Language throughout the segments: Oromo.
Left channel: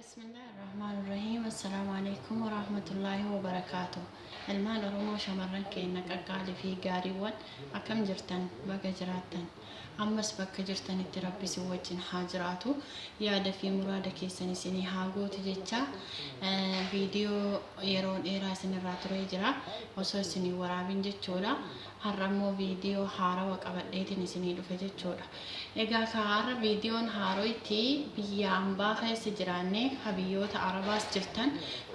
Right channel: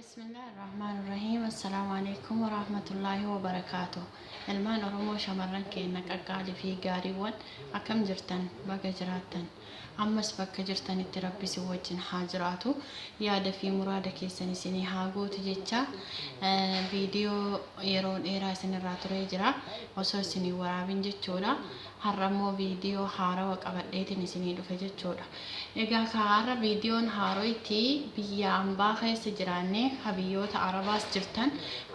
بسم الله الرحمن الرحيم. السلام عليكم ورحمة الله وبركاته. المان oromoo shamarran keenya qaqqaalii fi gaariiwwan akkam jirtan baga jiraattan ammas bakka jirtanitti rabbi si wajjin haa jiraatu yaada fi muraada keessan isinii haa gootu jecha viidiyoo yeroo dheeraa isinirraa turee jira osoo isinii waraabin jechuudha. har'ammoo viidiyoo haarawaa qabadheetiin isinii dhufe jechuudha. egaa har'a viidiyoon haarootti biyya ambaa keessa jiraanne biyyoota arabaas jirtan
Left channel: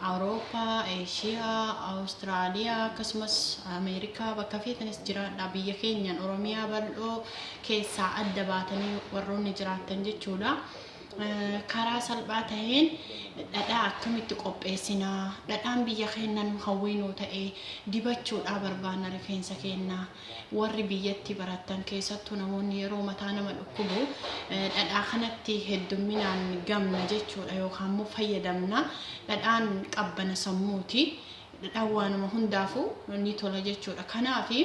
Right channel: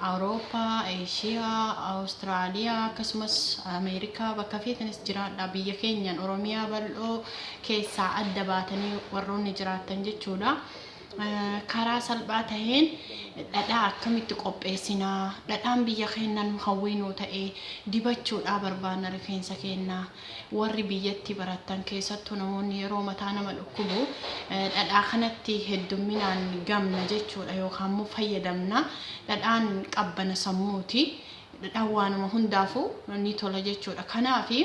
awurooppaa, eeshiyaa, awustiraaliyaa akkasumas ameerikaa bakka feetanis jiraadha. biyya keenyan oromiyaa bal'oo keessaa adda baatanii warroonni jiraattan jechuudha. karaa salphaa taheen dhadhaa akkamitti qopheessinaa, dhadhaan biyya keenyan hawwinuu ta'ee dibachuudhaa barbaanna rifeensa keenyaa. warri biyyatti barattan keessattuu namoonni yeroo mataa nama dhukkubu dhadhaa kanatti heddumminaan gamna jechuudha yookaan immoo fayyadamna. dhadhaan qabbana sammuuti. dhadhaan waanuma hundaafuu ni tola jechuudha. kanaafi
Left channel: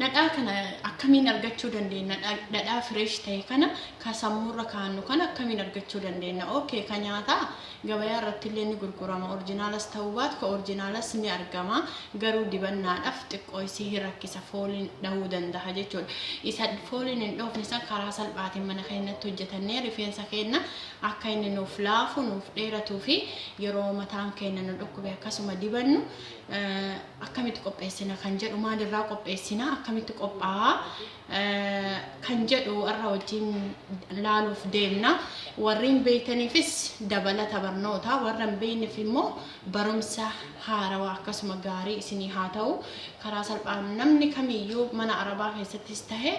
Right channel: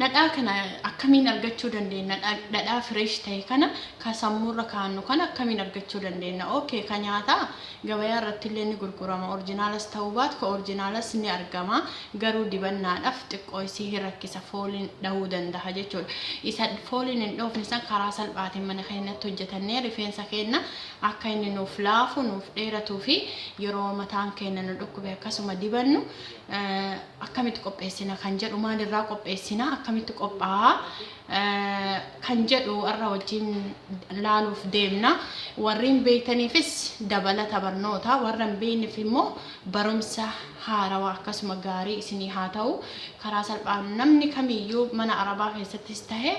dhadhaa kana akkamiin argachuu dandeenya? dhadhaa fresh ta'e kana ka sammuurra kaannu kana akkamiin argachuu dandeenya? Okay, ka nyaataa gabayaa irratti illee ni gurgurama. Orjinaalas ta'uu baatu ka orjinaalas ni argama. garuu dibannaadhaaf xiqqoo isii rakkisa, fooliin dhahuu danda'a jechuudha. isa fooliin hin dhoofne san karaa salphaatiin mana keenyatti hojjetannee rifeensa keenya akka inni nuuf laafu nuuf dheeratuu fi yeroo mataan keenya nu dhukkube akkasuma dibannu akkamitti qopheessina kan jedhu, maalirraa qopheessina, akkamitti qophaa'a kan jedhu irra wajjin laaluuf deemna. warreen beeytaniifis dabalata barnoota, warra hin beekneef immoo barumsa haarawaa akkasuma gaarii isinii haa ta'u. karaa salphaan namni kamiyyuu mana arabaa keessattis ta'e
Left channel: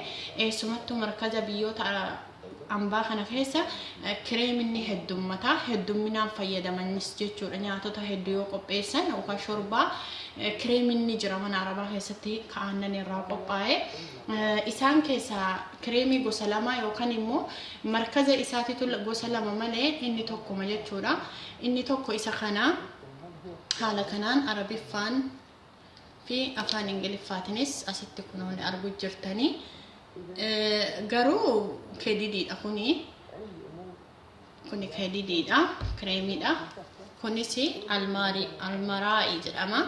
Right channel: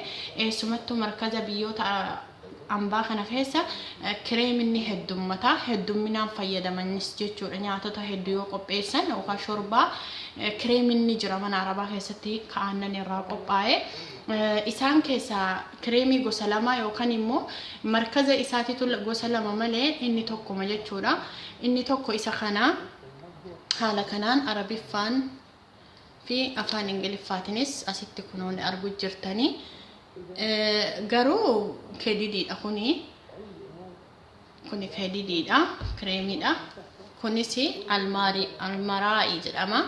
eessumattuu markaza biyyoota ambaa kana keessa kireeminni heddumminaan fayyadamanis jechuudha. nyaatota hedduu yoo qopheessan yookaan shorbaa kireeminni jira mana arabaa keessatti aannan irraa qophaa'e. isaan keessaa kireemii gosa lama yookaan immoo markaza isaatiitu gosa lama malee inni tokkuma jechuudha. inni tokko isa kana haala kanaan arabiffaan fi afaan ingiliffaatinis asitti kunuun arguu jirtanii. garuu KDDdha kuni KDDdha, kireemiidha. kunis almaraa'i jedhama.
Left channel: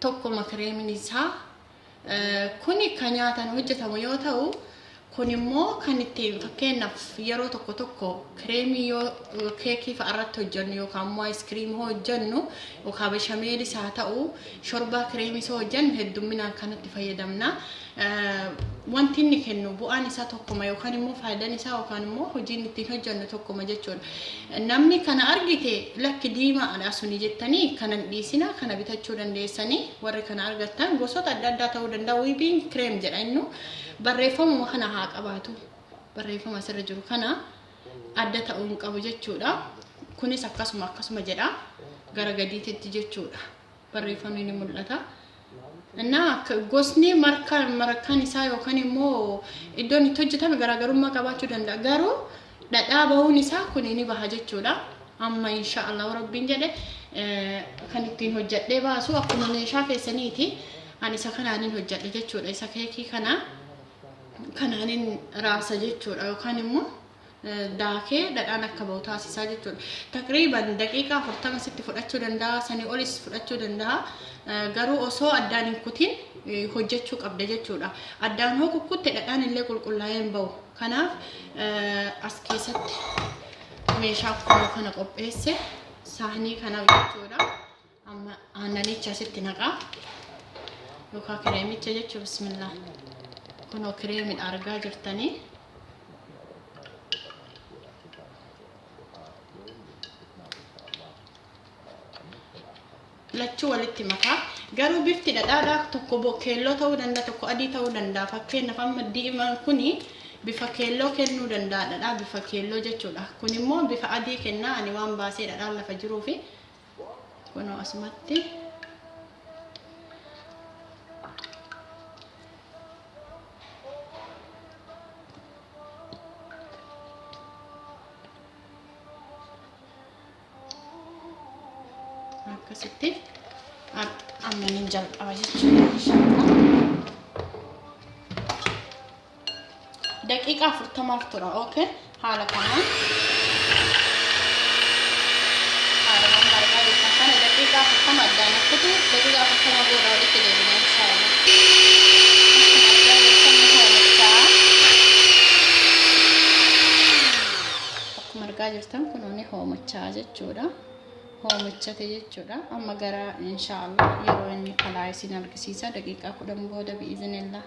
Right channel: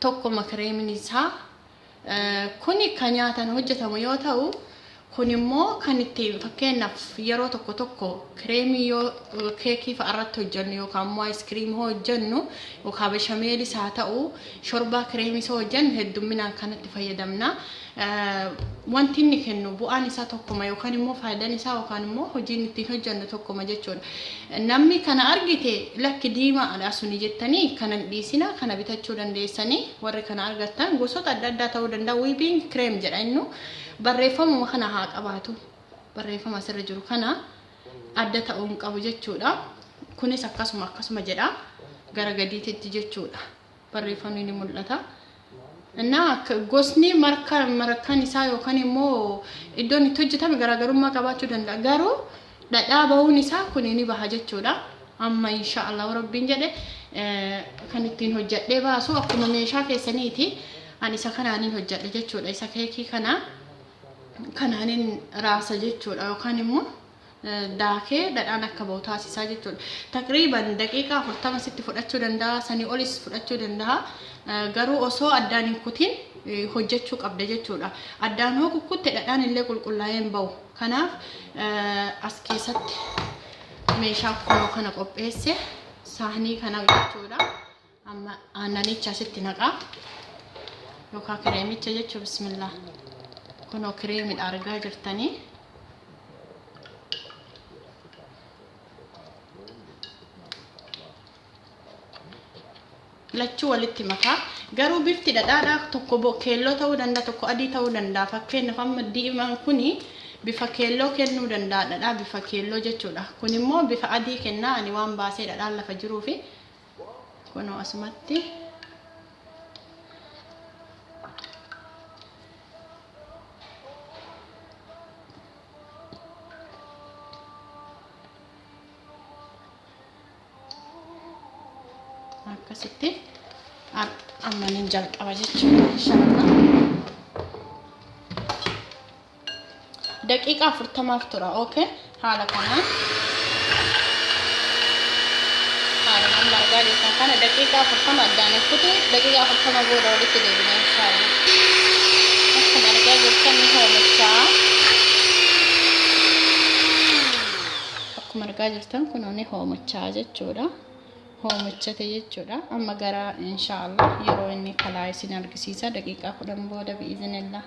tokkuma kireemiin isaa kuni kan nyaatan hojjetamu yoo ta'u, kun immoo kan itti fakkeenyaaf yeroo tokko kireemii yoo keekii fa'a irratti hojjennu yookaan immoo aayiskiriimii hojjennu yookaan beshameelis haa ta'u shorbaa kireemii isa hojjennu heddumminaan kanatti fayyadamna. wanti inni kennu bu'aan isaa tokkuma yookaan immoo faayidaan isaa yookaan immoo hojiin ittiin hojjennu tokkuma jechuudha. namni kana argite lakki diimaadha suni jettanii kana dhiisina, kana bitachuu dandeessanii. warri kana argattan gosoota adda addaa ta'uu danda'a. wiibiin kireem jedha innu. barreeffamuma kana haa qabaatu. barreeffama asirra jiru kana adda ta'uu hin qabu jechuudha. kunis akkasuma jedha gara gadiitti jechuudha. barreeffamni ni mul'ata. gosni markaan isaa yookaan immoo iddoon itti hojjetame garaagarummaa qabaachuu danda'a. garuu dhadhaa bahuun isaa kun ni baha jechuudha. amma inshaallah rabbiin jedhe kan ittiin hojjedhee baasu akkuma meeshaa keessaniiti. ani isa kanaanin hojjedhe jechuudha. isa keekii kanaanin raasa jechuudha yookaan immoo daakee dhadhaan akka bahu taasisaa jechuudha. taqriiban daqiiqaa 40 sitti fudhachuu danda'a, sanii olis fudhachuu danda'a. garuu osoo addaan hin kutin hojjechuu qabda jechuudha. addaan hoo kukkutte dhadhaan illee qulqullaa'ee hin bahu. kanaaf as keessatti meeshaa akkuma kana qopheesse saanii kana jechuudha. amma aannanicha asitti naqaa yookaan kireemicha jechuudha. bismillah. kunoo kireemidha argaa jirtanii. lachuu walitti makaa. garuu bifti dhadhaadhaa tokko keelloo ta'uu danda'a, tokko adii ta'uu danda'a. fakkeenyaaf amma diimaan kuni bifa keelloo kennuu danda'a. dhadhaa bifa keelloo jechuudha. kun immoo bifa adii kennaa. ani waan baasee dhadhaan lafa jiruufi kunoo asumatti akkasitti amma nin jalqaba jechuudha. inshallah. 40 daqiiqaa tura. okay, haala kanaan. kutu daqiiqaa 40 booda walitti deebina inshallah. Akkuma argaa jirtan ni hoomachaa. Akkuma argaa jirtan kun ni hoomachaa jechuudha. Hoomachate jechuudha. Amma gara inshallah yeroo inni kalaa isin argisiisa daqiiqaa 10 booda bi'iznillah.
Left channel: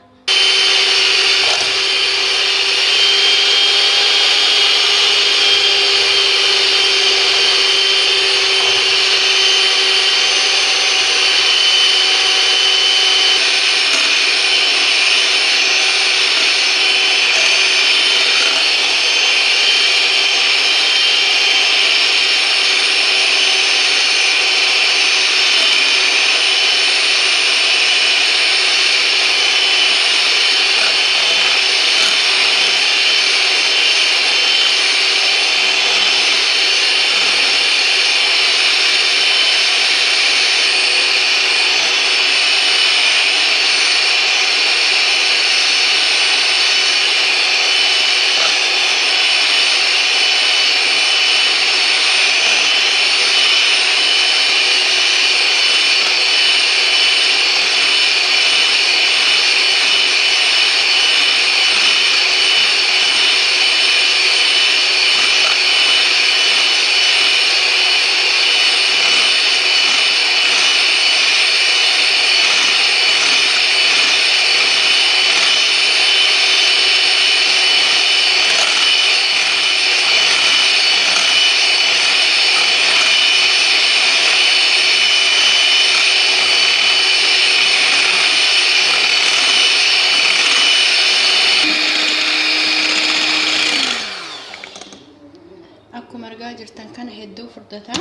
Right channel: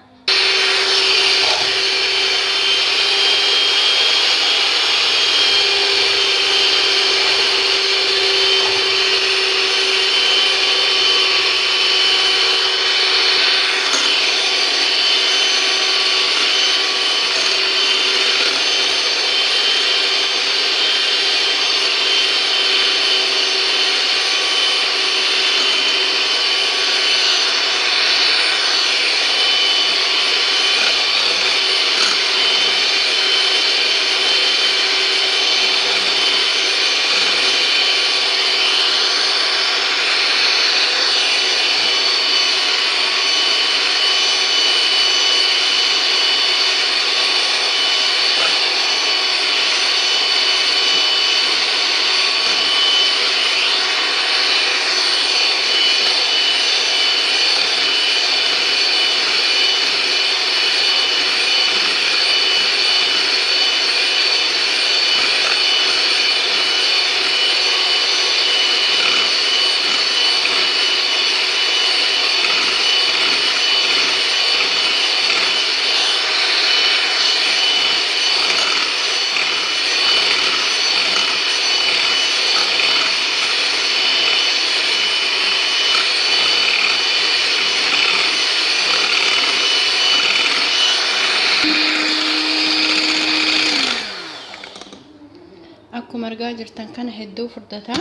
Akkuma argaa jirtan kana hedduu furdata.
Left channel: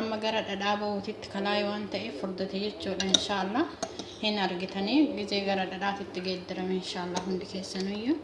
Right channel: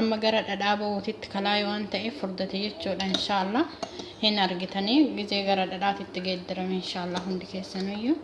Amma gara dhadhaa ba'uutitti kalaa waan ta'eef furdate jechuudha inshallah. Hin argitanii gizee gara dhadhaatitti geeddarame inshallah hundi keessaniyyuu.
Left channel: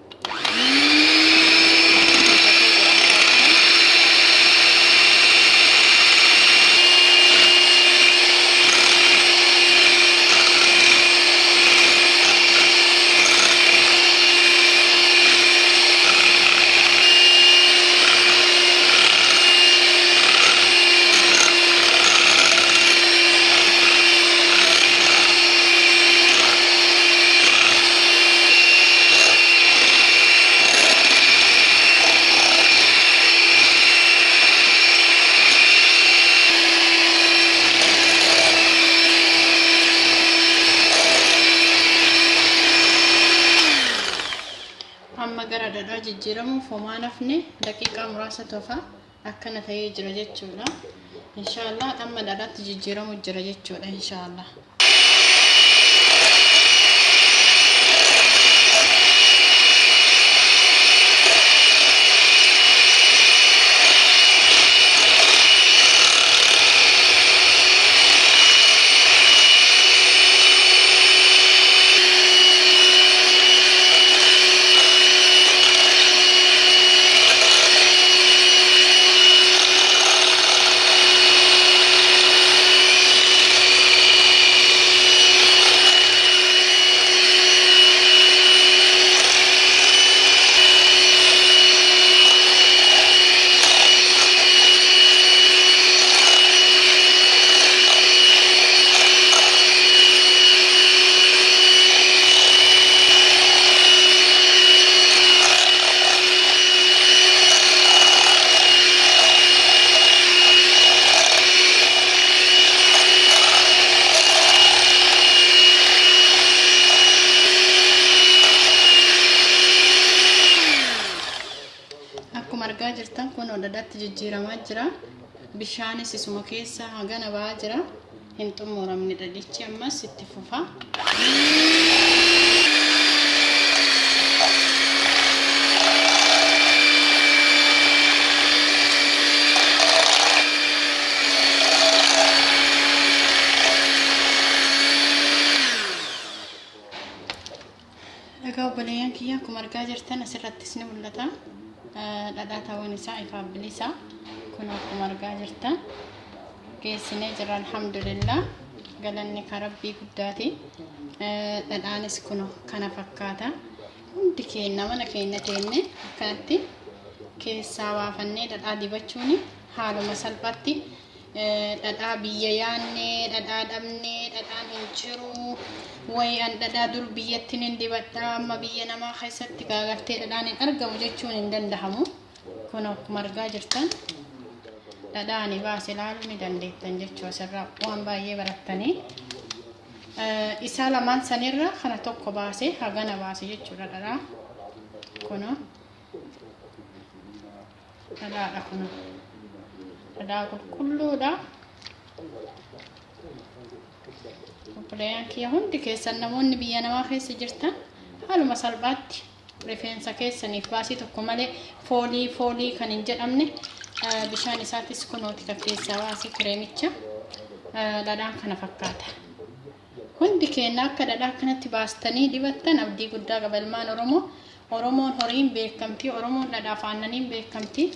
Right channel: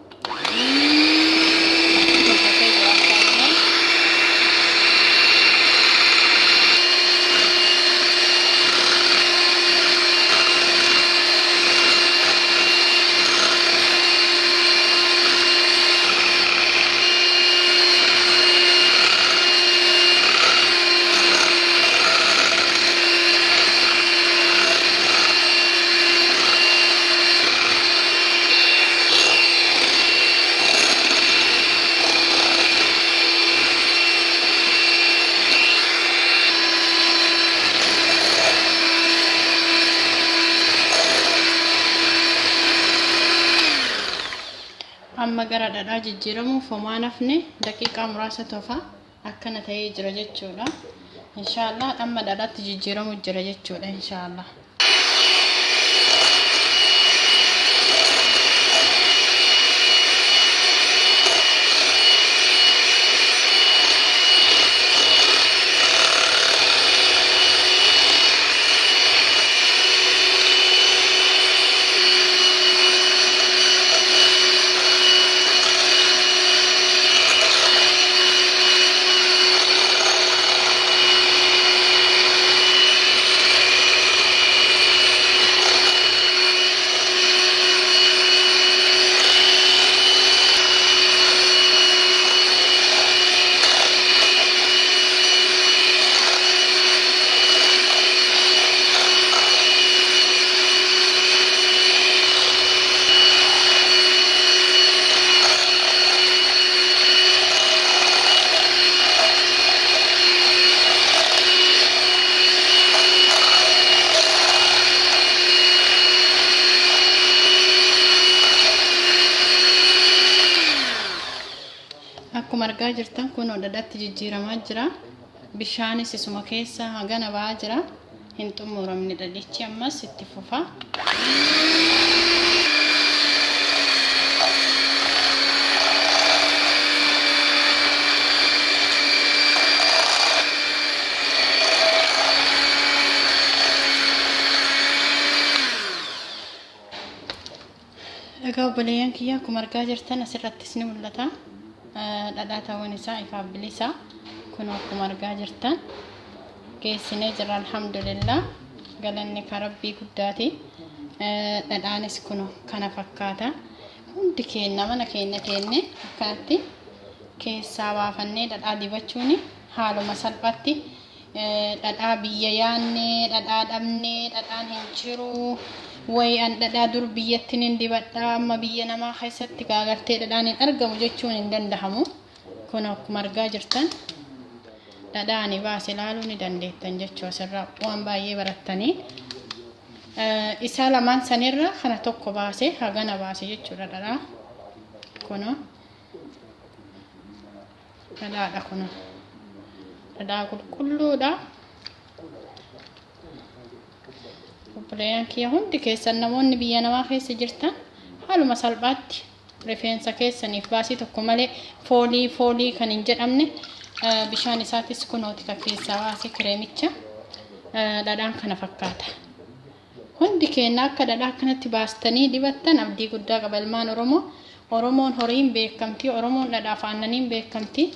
Amma gara dhadhaa jijjiiramuuf homaa nafne daqiiqaa muraasa tofa akkana ta'ee jira jechuudha. Inshallah amma dhadhaatti jijjiiramu jira jechuudha inshallah. Akkuma argaa jirtan kun dhadhaatti jijjiiramaa jira. Bishaanis isuma keessa hagana ba'aa jira. Hin xumuramne dhadhichi ammas itti fufa. Egaa obboleeyyan kiyya akkuma argaa jirtan asirrattis ni mul'ata. Dhadhaa ta'uun isaa ifaaf bilisa. Kun akkuma argaa jirtan geessinee jira alhamdulillah. Galanni ka rabbii guddaati. Dhadhaanis kun kana fakkaata. Hundi keenya mana keenya teenne akkanatti keessaa baafannee dhadhaa dibachuun haaluma salphaatti dhadhaa biyya yaannee dhadhaa dhabnee dhadhaan hin jiru way an dhadhaa dur biyyattiin hin dibadhaa amma biyya namaa keessatti gaagartee dhadhaan hin argamu jechuun hin dandahamu. Kun akkuma argaa jirtan dhadhaan baase ilaaluu ni dandeettan jechuudha. Asirraa waan baay'ee barattanii isaa lamaan sanirra kana tokko baase hagana baase jechuudha dhadhaa. Kun dhadhaadha kun dhadhaa qulqulluudha. Obboleeyyan kiyya hundi keessan namoonni biyya namaa keessa jirtan haaluma salphaatti rifeensa keessaniif baasii tokko malee foolii kan hin jedhamne bishaan isaatis kunooti kan keessaa baasee kireemicha dhadhaan kana fakkaata. Hundi keenya akka dhadhaa kanatti baastanii dibattan abdii guddaa qaba ilmaan Oromoo. Oromoon horiin beekamtii, Oromoon dhadhaa aannaniin beekamtii.